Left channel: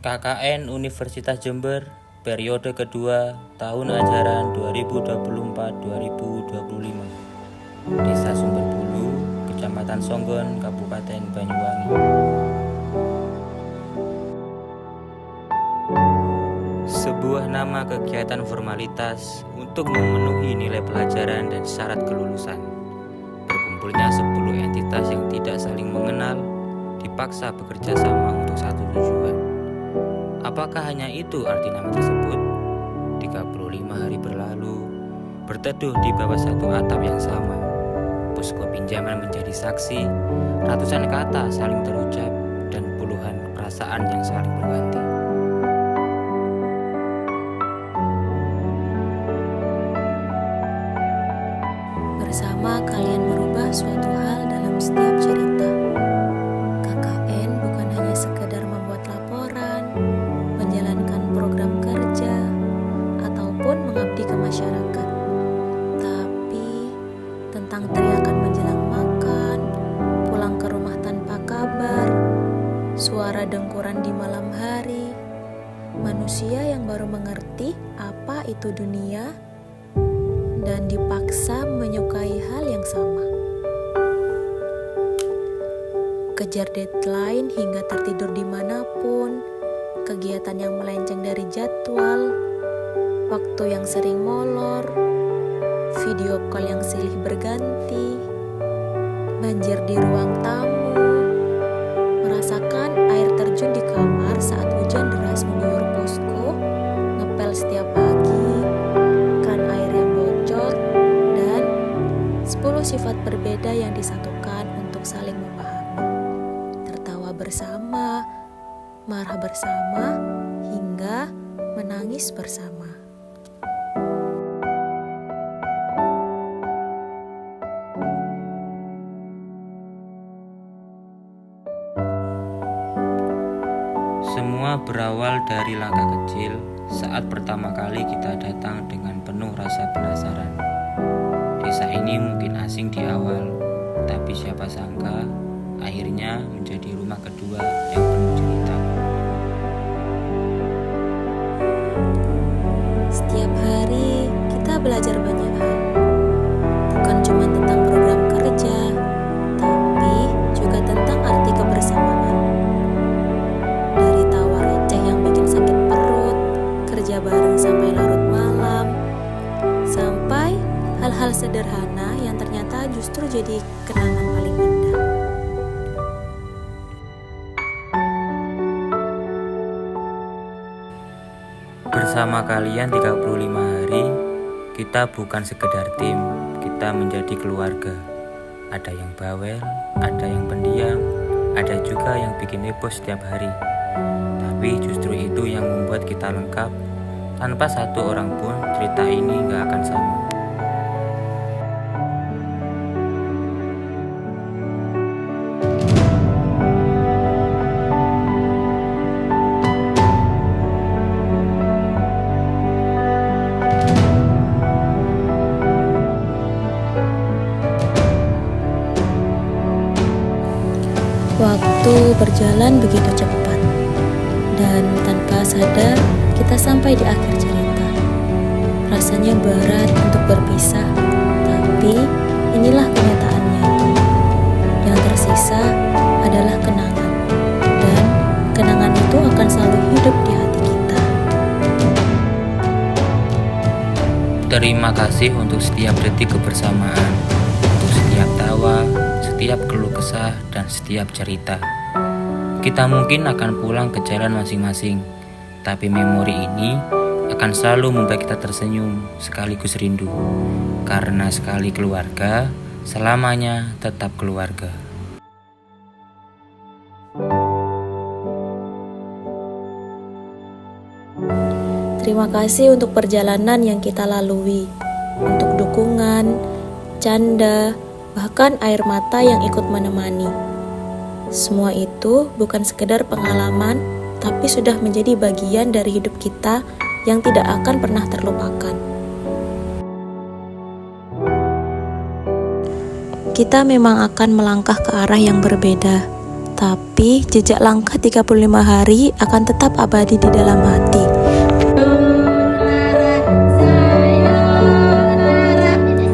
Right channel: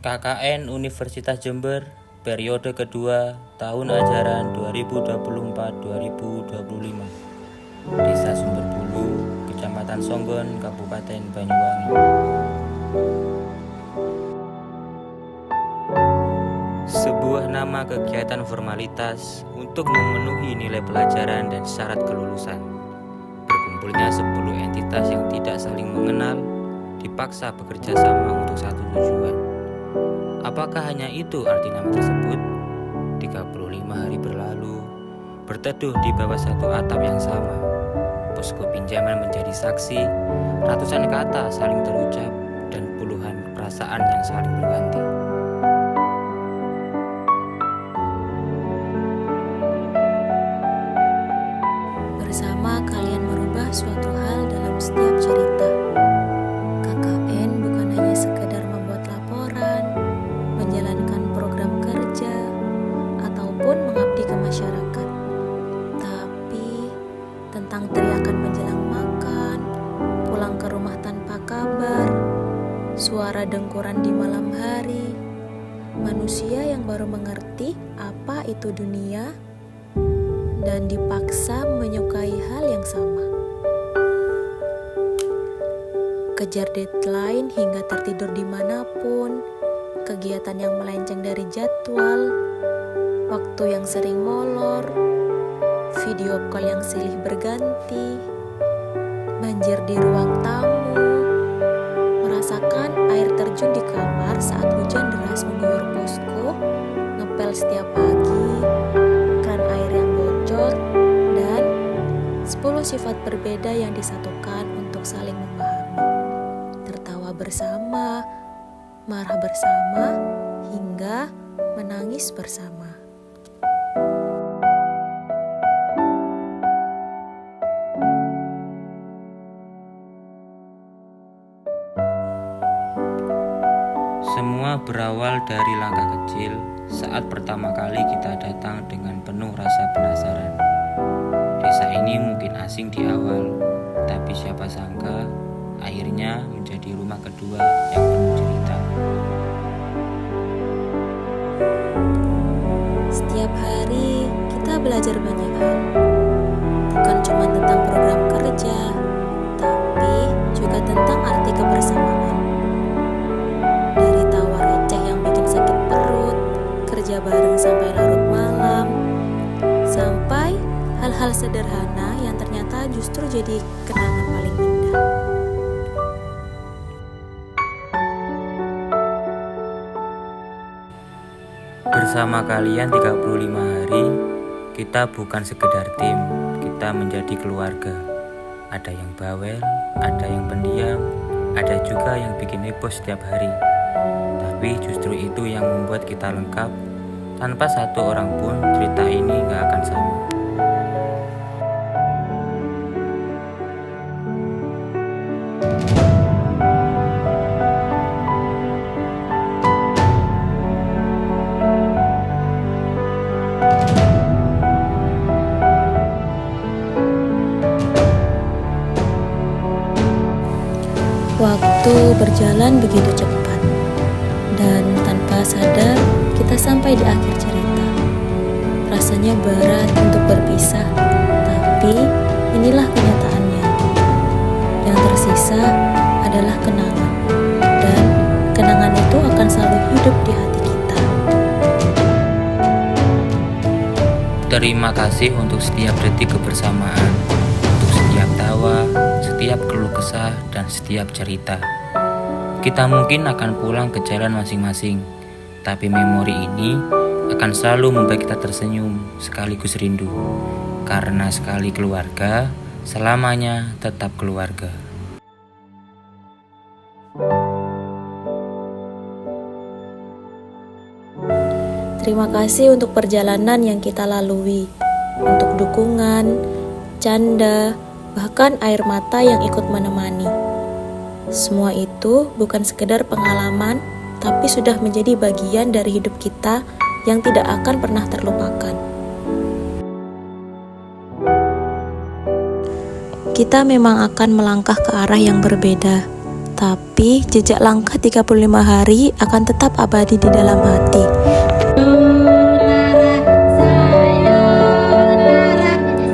KKN Universitas Jember, periode kedua, tahun ajaran 2024-2025. Desa Sumberbulu, Kecamatan Songgon, Kabupaten Banyuwangi. Sebuah nama kegiatan formalitas untuk memenuhi nilai pelajaran dan syarat kelulusan. Berkumpulnya 10 entitas yang tidak saling mengenal, dipaksa bekerja sama untuk satu tujuan. Apakah hanya itu arti nama tersebut? 35 hari berlalu, berteduh di bawah satu atap yang sama. Posko pinjaman menjadi saksi, ratusan kata saling terucap, dan puluhan perasaan yang saling berganti. Bersama kalian merubah suatu hal dalam setiap cerita. KKN bukan hanya sekedar membuat laporan, menjalankan program kerja, ataupun mengabdi ke masyarakat. Tapi tentang teriakan menjelang makan, pulang ke rumah tanpa kabar, suara dengkuran di malam hari, manusia yang baru mengerti apa itu dunia dan dipaksa menyukai hal yang sama. Kejar deadline hingga tertidur dimanapun, kegiatan yang melenceng dari jadwal, waktu yang sering molor, video call yang silih berganti, banjir di ruang tamu, merasakan air terjun di kamar saat hujan deras mengguyur posko, ngepel setiap pagi, keran air yang bocor, dan 10 sifat berbeda yang disatukan untuk saling memahami. Tertawa bersama, marah bersama, hingga menangis bersama. Semua berawal dari langkah kecil saat pertama kali kita datang dengan penuh rasa penasaran. Desa ini mungkin asing di awal, tapi siapa sangka akhirnya menjadi rumah kedua yang penuh cerita. Setiap hari kita belajar banyak hal, bukan cuma tentang program kerja, tapi juga tentang arti kebersamaan. Dari tawa receh yang bikin sakit perut, kerja bareng sampai larut malam, sampai hal-hal sederhana yang ternyata justru jadi kenangan paling indah. Bersama kalian 35 hari, kita bukan sekedar tim, kita menjadi keluarga. Ada yang bawel, ada yang pendiam, ada juga yang bikin heboh setiap hari. Tapi justru itu yang membuat kita lengkap. Tanpa satu orang pun cerita ini gak akan sama. Waktu berjalan begitu cepat, dan tanpa sadar kita sampai di akhir cerita. Rasanya berat untuk berpisah, tapi inilah kenyataannya. Yang tersisa adalah kenangan, dan kenangan itu akan selalu hidup di hati kita. Terima kasih untuk setiap detik kebersamaan, untuk setiap tawa, setiap keluh kesah, dan setiap cerita. Kita mungkin akan pulang ke jalan masing-masing, tapi memori ini akan selalu membuat kita tersenyum sekaligus rindu. Karena sekali keluarga, selamanya tetap keluarga. Terima kasih untuk perjalanan yang kita lalui, untuk dukungan, canda, bahkan air mata yang ikut menemani. Semua itu bukan sekedar pengalaman, tapi sudah menjadi bagian dari hidup kita yang tidak akan pernah terlupakan. Kita memang akan melangkah ke arah yang berbeda, Tapi jejak langkah 35 hari akan tetap abadi di dalam hati.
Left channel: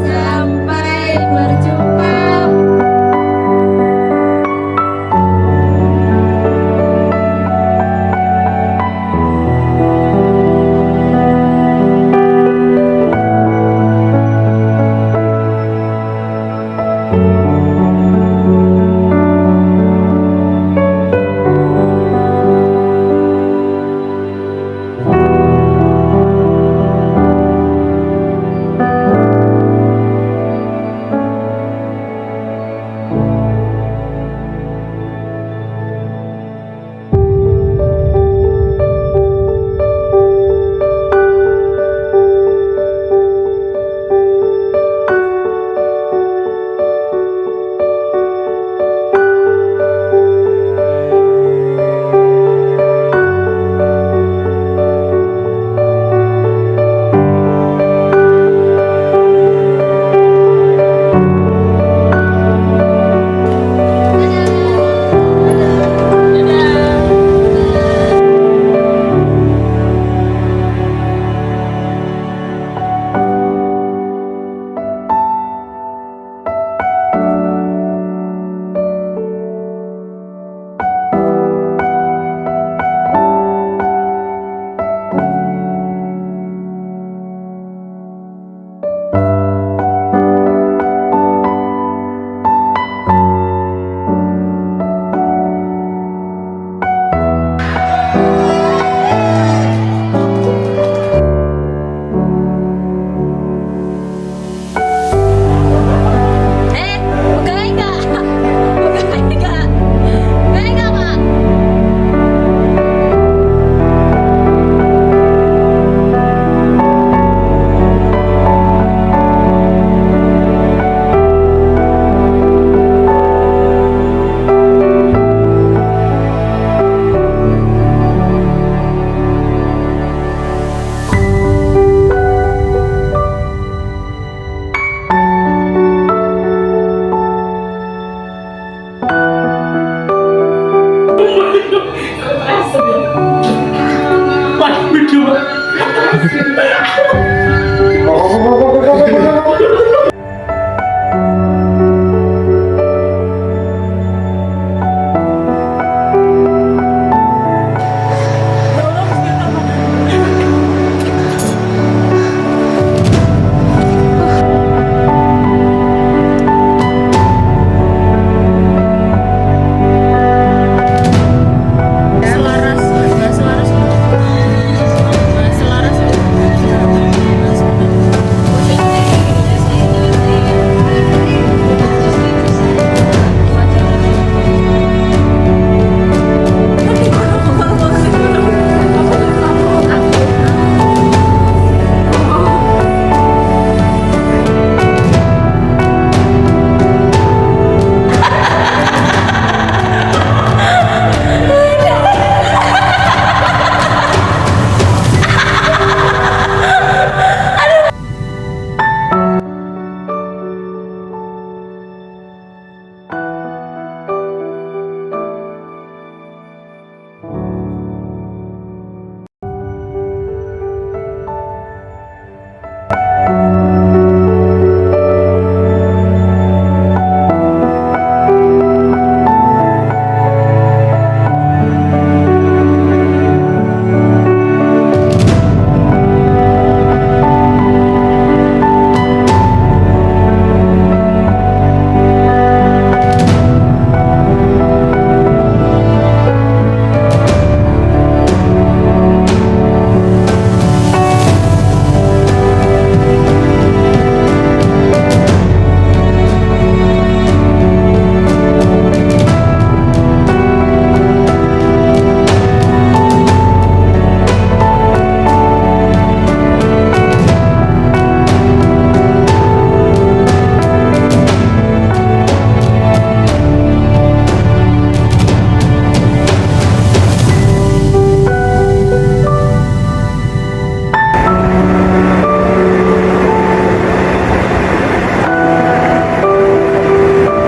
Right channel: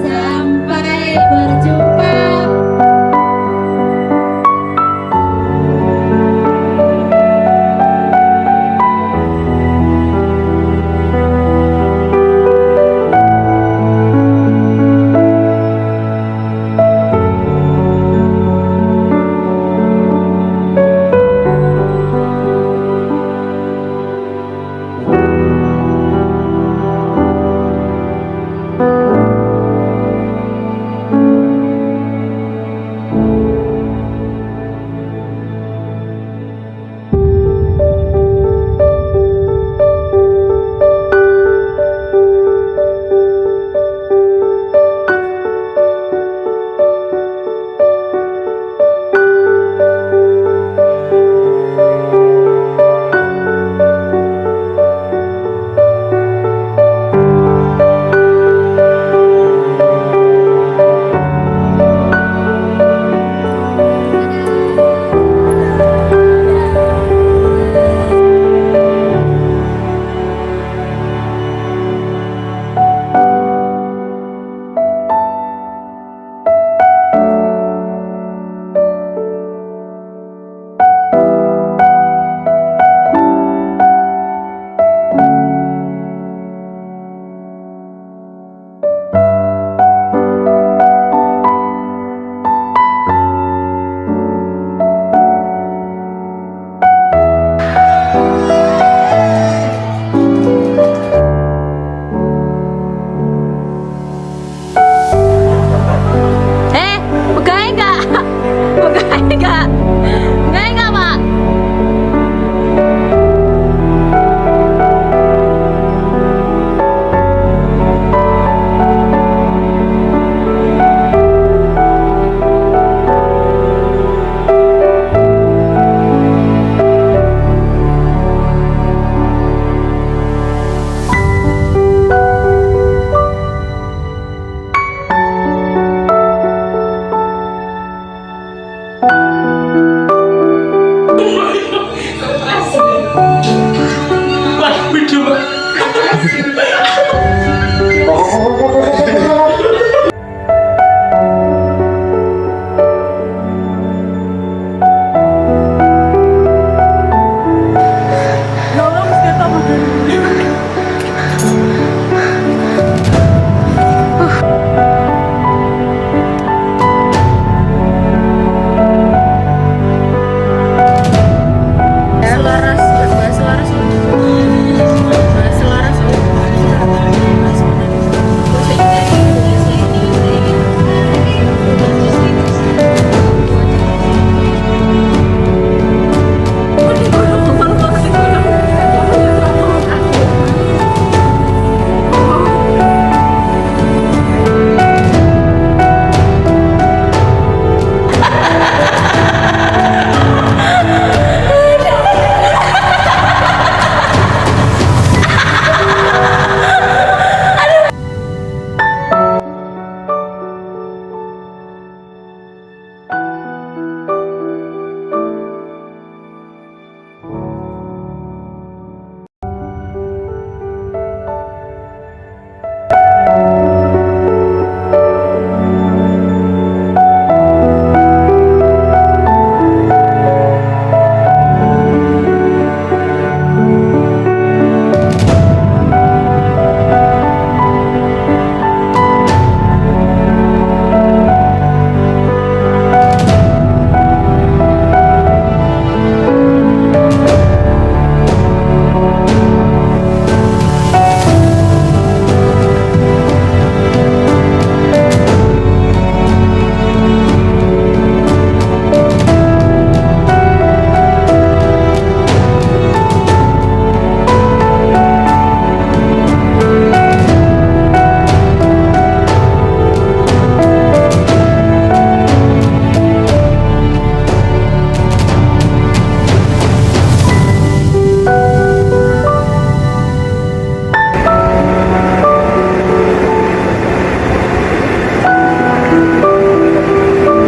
Sampai berjumpa.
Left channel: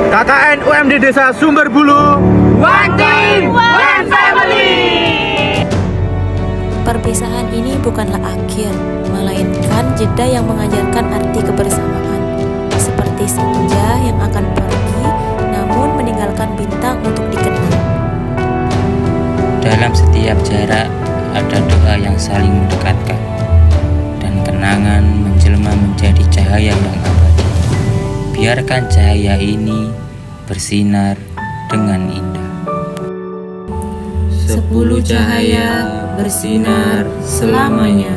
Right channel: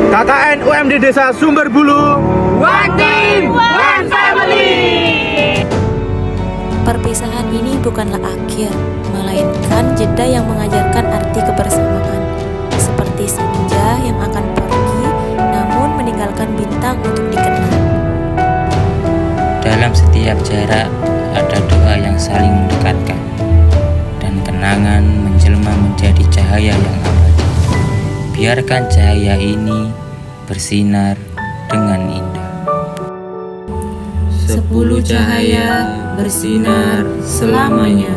KKN UMD Desa Sumberbulu One team, one family. Perpisahan ini bukanlah akhir, melainkan jeda yang mengajarkan arti kebersamaan. Seperti senja yang akan pergi, namun meninggalkan bintang untuk dikenal. Dalam setiap jarak ada doa yang saling mendekatkan, dan kenangan menjelma menjadi cahaya yang abadi. Biarkan cahaya ini bersinar dengan indah. 10 cahaya bersinar selamanya.